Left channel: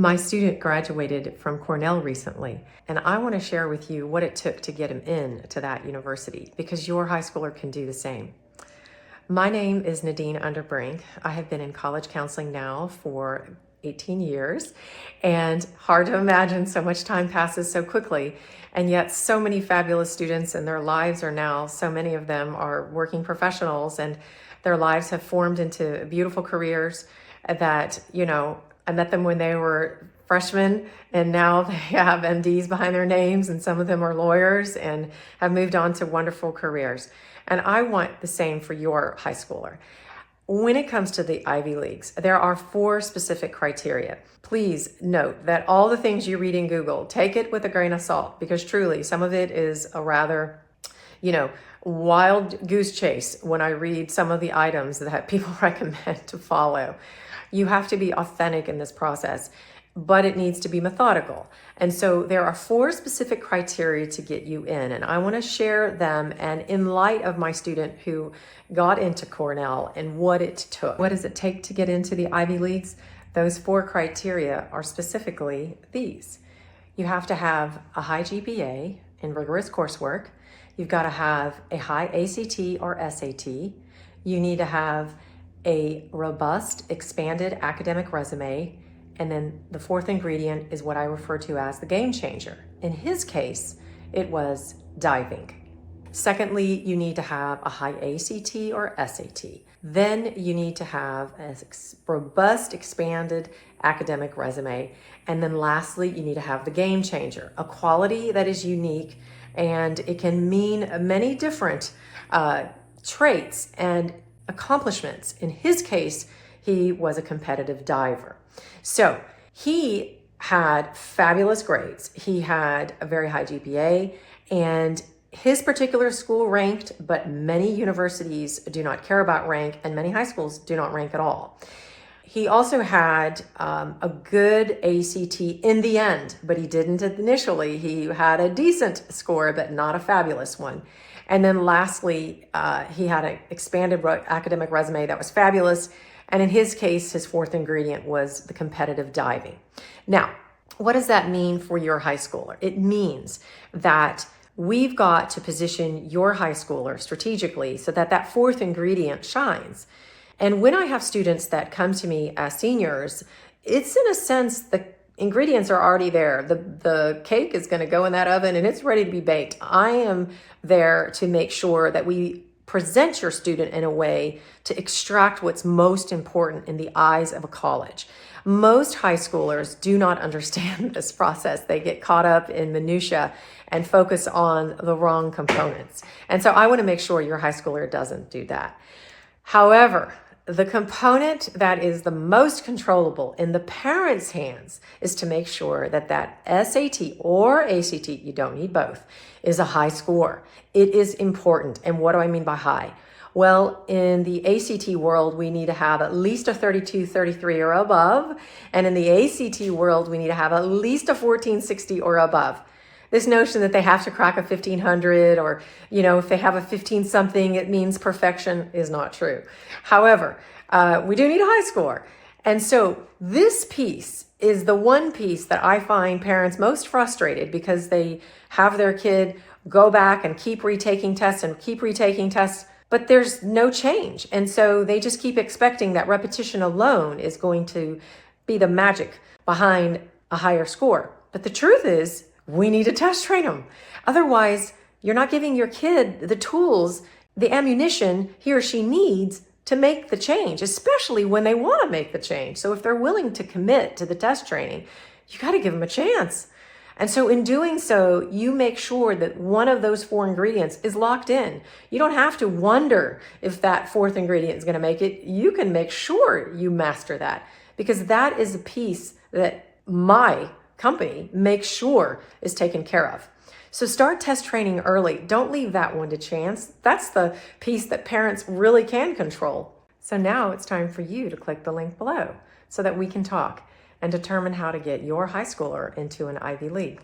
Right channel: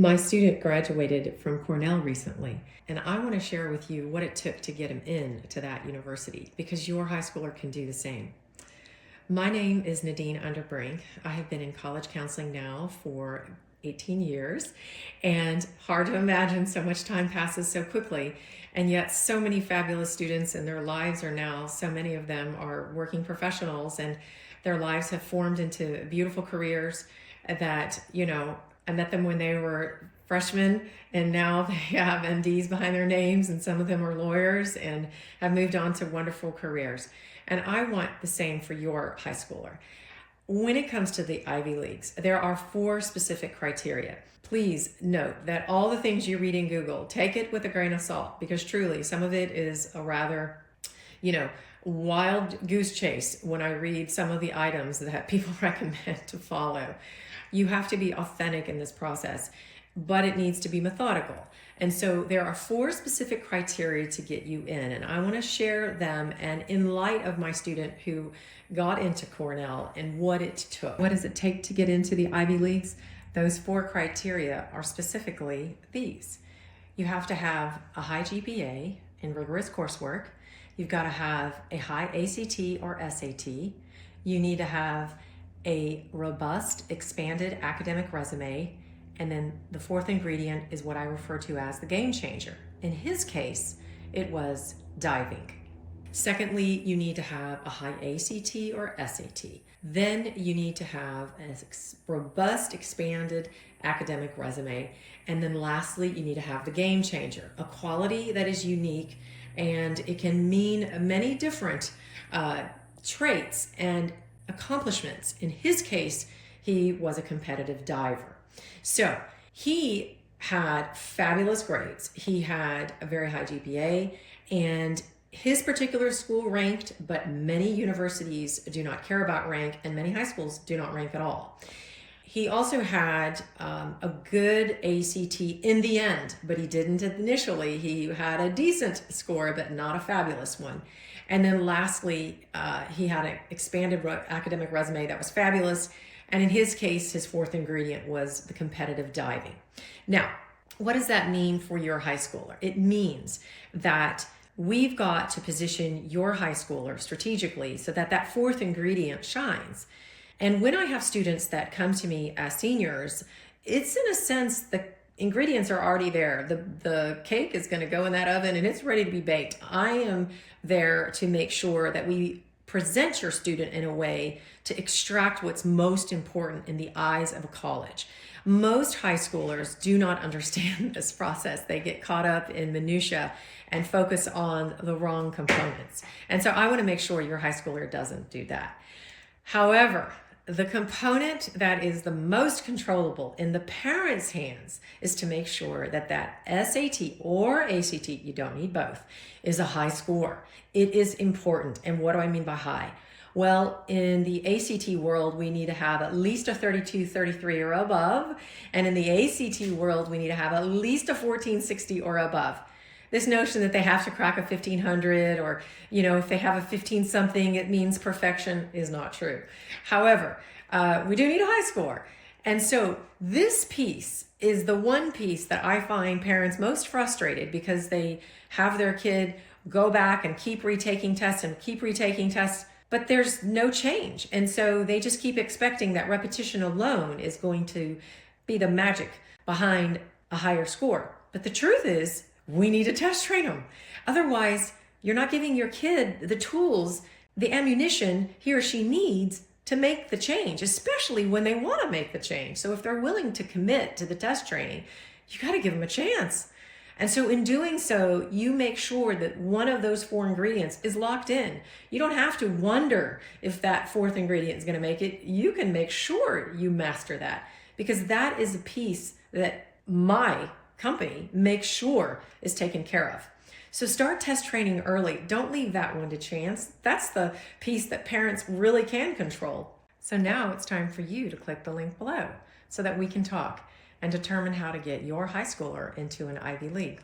My student graduated from Cornell recently, and I want to share with you what it took to get him in to that university, because your high schooler can do the same. My name is Nadine Underbrink. I have been in college counseling now for 18 years, and hard to imagine so much time passes so quickly, and yet so many fabulous students and their lives are now, so many of them are working professionals, and their lives have formed into beautiful careers that, I met them when they were freshmen, and now they have MDs behind their names, and some of them are lawyers and have moved on to wonderful careers. And I want the same for your high schooler. When it comes to the Ivy Leagues, there are 4 specific criteria. Please note that all the things you read in Google, take it with a grain of salt, because truly some of it is a rather, wild goose chase when I read some of the items that people recommend to follow. You have to be authentic in this process, but it needs to be methodical. And so there are 4 specific criteria to get you in, and I want to share them. And in light of my student who got into Cornell and what it took, what does it take to get into the Ivy Leagues? Those 4 criteria are specifically these. You have to have a high GPA in rigorous coursework. You've got to have a high ACT or SAT. You need to have a robust, expanded academic resume. And then the 4th ingredient is what I refer to as the game changer. In his case, it was diving. Secondly, you need to have a high ACT or SAT. Then you need to have a robust, expanded academic resume. And then lastly, you need to have the game changer, a quality that is unique, and it can mean many different traits and accomplishments. In his case, he was a competitive diver. So he had fabulous grades. He had a very high GPA, and his particular school ranked, but many universities do not care about rank, and many high schools do not rank at all. He also had a good ACT in the end, but he didn't initially. He had a decent score, but not a fabulous one. And then lastly, he had an expanded academic resume that was fabulous. And in his case, his 4th ingredient was the competitive diving. Now, what does that mean for your high schooler? It means that we've got to position your high schooler strategically so that that 4th ingredient shines. And when I have students that come to me as seniors, it's in a sense the ingredients are already there. The cake is going to go in that oven and it's ready to be baked. I am there to make sure that we present your student in a way to extract what's most important in the eyes of a college. Most high schoolers do not understand this process. They get caught up in minutia and focus on the wrong components. And so I want to make sure your high schooler doesn't do that. However, the component that is the most controllable in the parents' hands is to make sure that that SAT or ACT, you don't need both, is a high score. It is important. And what do I mean by high? Well, in the ACT world, we need to have at least a 32, 33 or above. And in the ACT world, we need to have at least a 1460 or above. This notion that they have to crack a 1500 or, if they have a 15 something, it means perfection is not true. However, we do need a high score. And so this piece is the one piece that I find parents most frustrated, because they have their kid go back and keep retaking tests and keep retaking tests, but there's no change. And so they just keep expecting that repetition alone is going to be the magic behind a higher score. But the truth is, we need to test train them. Otherwise, you're not giving your kid the tools, the ammunition he or she needs to make the change, especially when they want to make the change. So if they're willing to commit to the test training, you got to give them a chance. And so in doing so, you make sure that one of those 4 ingredients is locked in. You don't have to wonder if that 4th ingredient is going to make it. You can make sure you master that, because that is a piece that my company makes sure is taken care of. So start test training early. Don't leave that one to chance. That's the piece that parents really can control. So now it's time for you to click the link below so that we can talk and determine how to get your high schooler into an Ivy League.